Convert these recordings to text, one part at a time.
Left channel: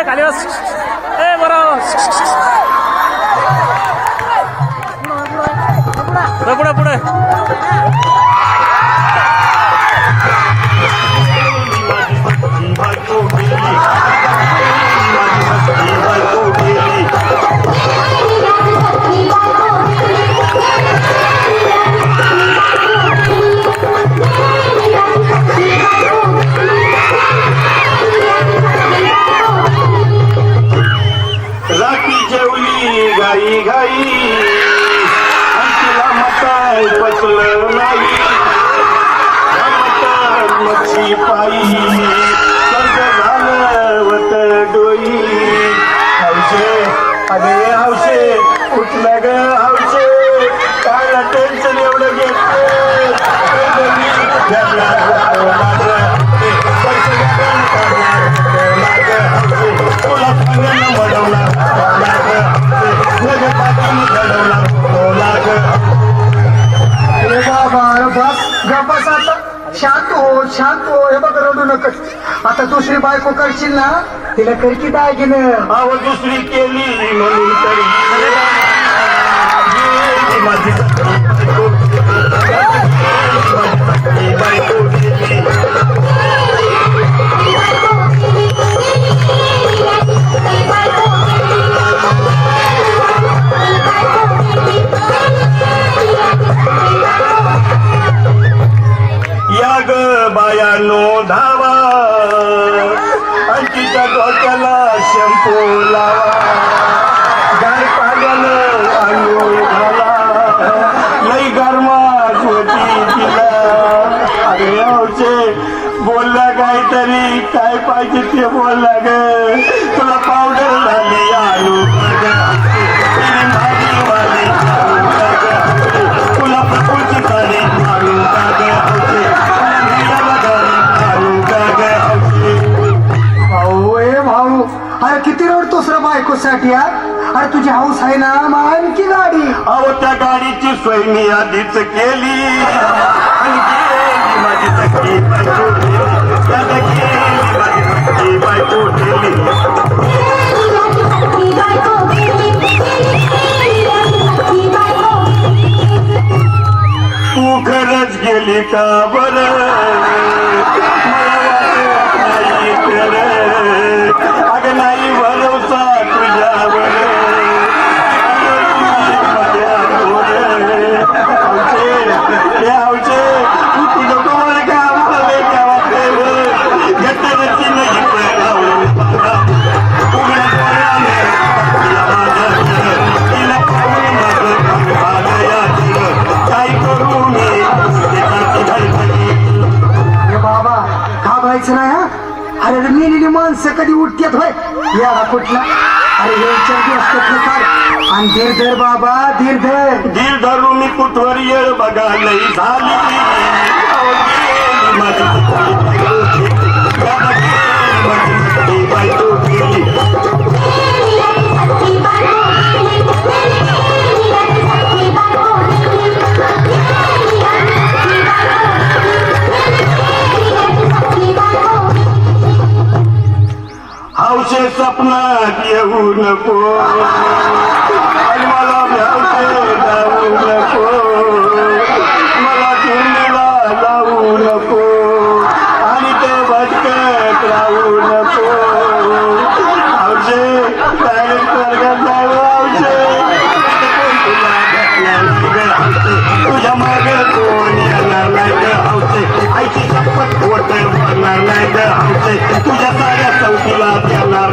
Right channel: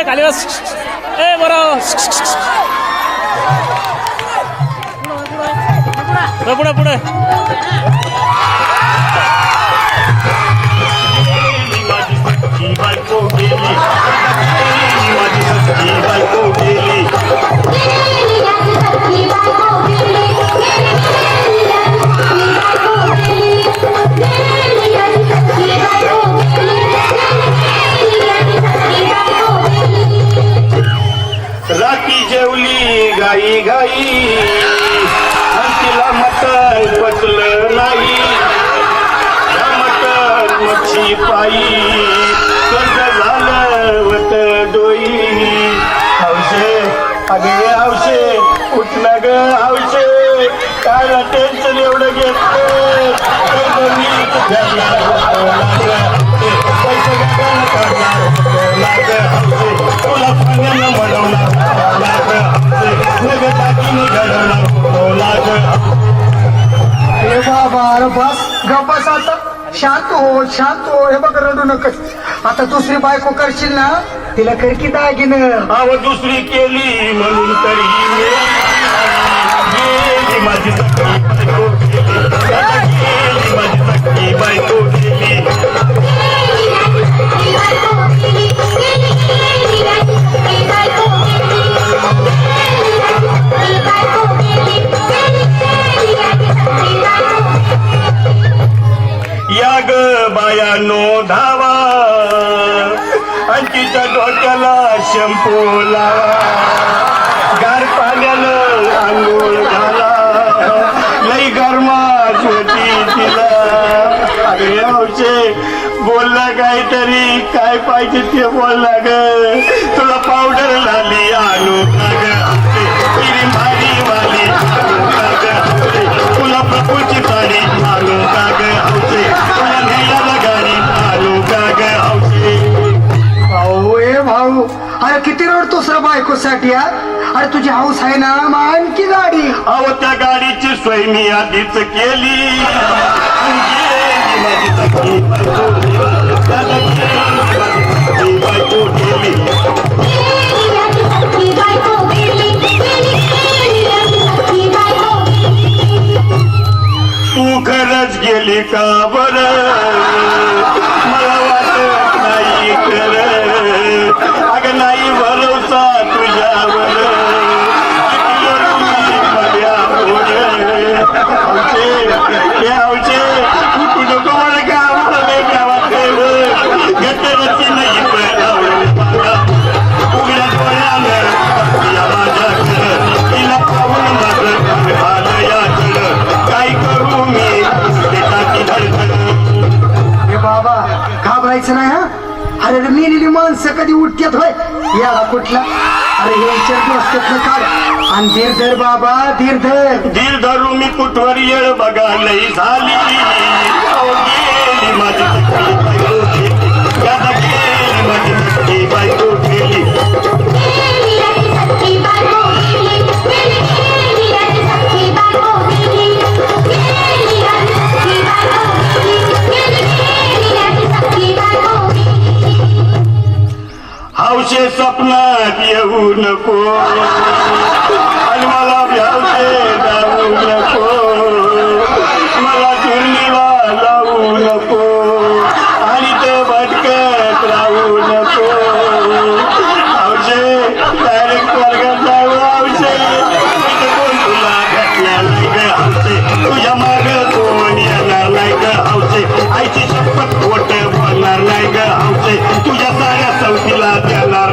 खाली बस बरं पुढे पुढे राखी जेवली गाई गाई तिला मटण पचलं नाही मटण मच्छी पायी कर्ज झालं वत डोई हौशे अगे हौशे कुठलं ग हौशे काय टेन्शन एवढं घेतलं तुला सांगायला म्हणवला बस गप्पस आता शांत हो हे बघ रडू नकस आता दुसरी बायको करशील ना तिला कर की दागिने अव दुसरी केली म्हणून तरी माझी बायको या ग बायानो धावा अंकीच्या डोक्याला शॅम्पू लावा गार पाण्यानं आंघोळ घाला लई गरमात होती तिला अरे हौशे बोलला काहीतरी काय पाहिजे ते बोलला ग तुला पावडर झाली आलू भारी वाली तुला प्रकृती साडी आलू का ग हौशे भाऊ अरे किती रडतोस रे बायकोसाठी अरे तुझी हाऊस आहे ना आणखी गाडी अहो त्या गाडीची सोय मी आधीच केली माझी सखी बायको ठेली तू खरंच गेली का बरं मला वाटत नाही खरं अगं नाही भरवसा तुझ्यावर नाही हा अरे मेलेली माणसं कधी उठतात होय याला कुठला अरे हे दिवस कुठलं काढ आणि धीर धर बाबा धीर धरू मी कुठवर येळ बघा लई झाली माझी बायको ठेली हौशे स्वप्नात येऊ नको आणि मला हौशे जाऊ नको मला चुलीला लावू नको आणि ते भटकत राहू नको हौशे डायरेक्ट वर्गात जाऊ हौशे तुला घेतल्या हौशे तुझ्या मागे कोण येणार नाही ग हौशे आईची शपथ खोट बोलणार नाही ग हौशे तुझ्या साऱ्या चौकीला देणार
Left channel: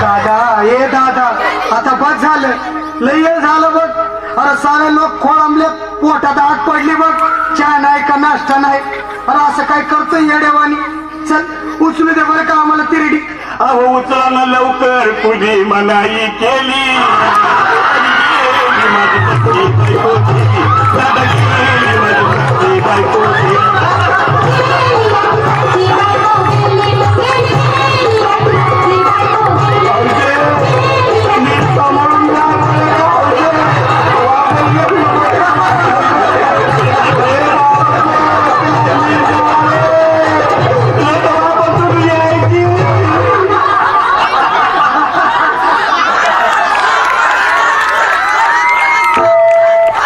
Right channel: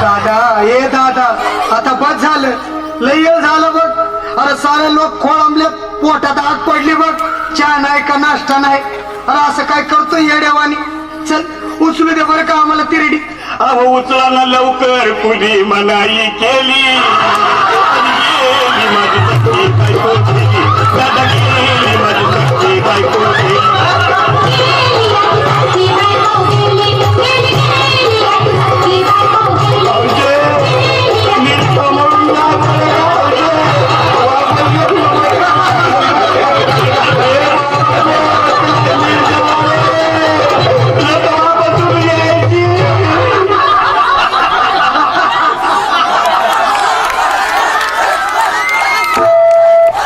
दादा ये दादा आता बस झालं लय झालं बघ अरे सारे लोक खोळंबले पोटात आग पडली बघ चहा नाही का नाश्ता नाही अरे असं काय करतोय येडेवानी चल उचलू दे बरं का आम्हाला तिरडी अहो उचला ना लवकर कुणी मनाई केली माझी सक्की बायको गेली, दादा गेली माझी सक्की बायको गेली.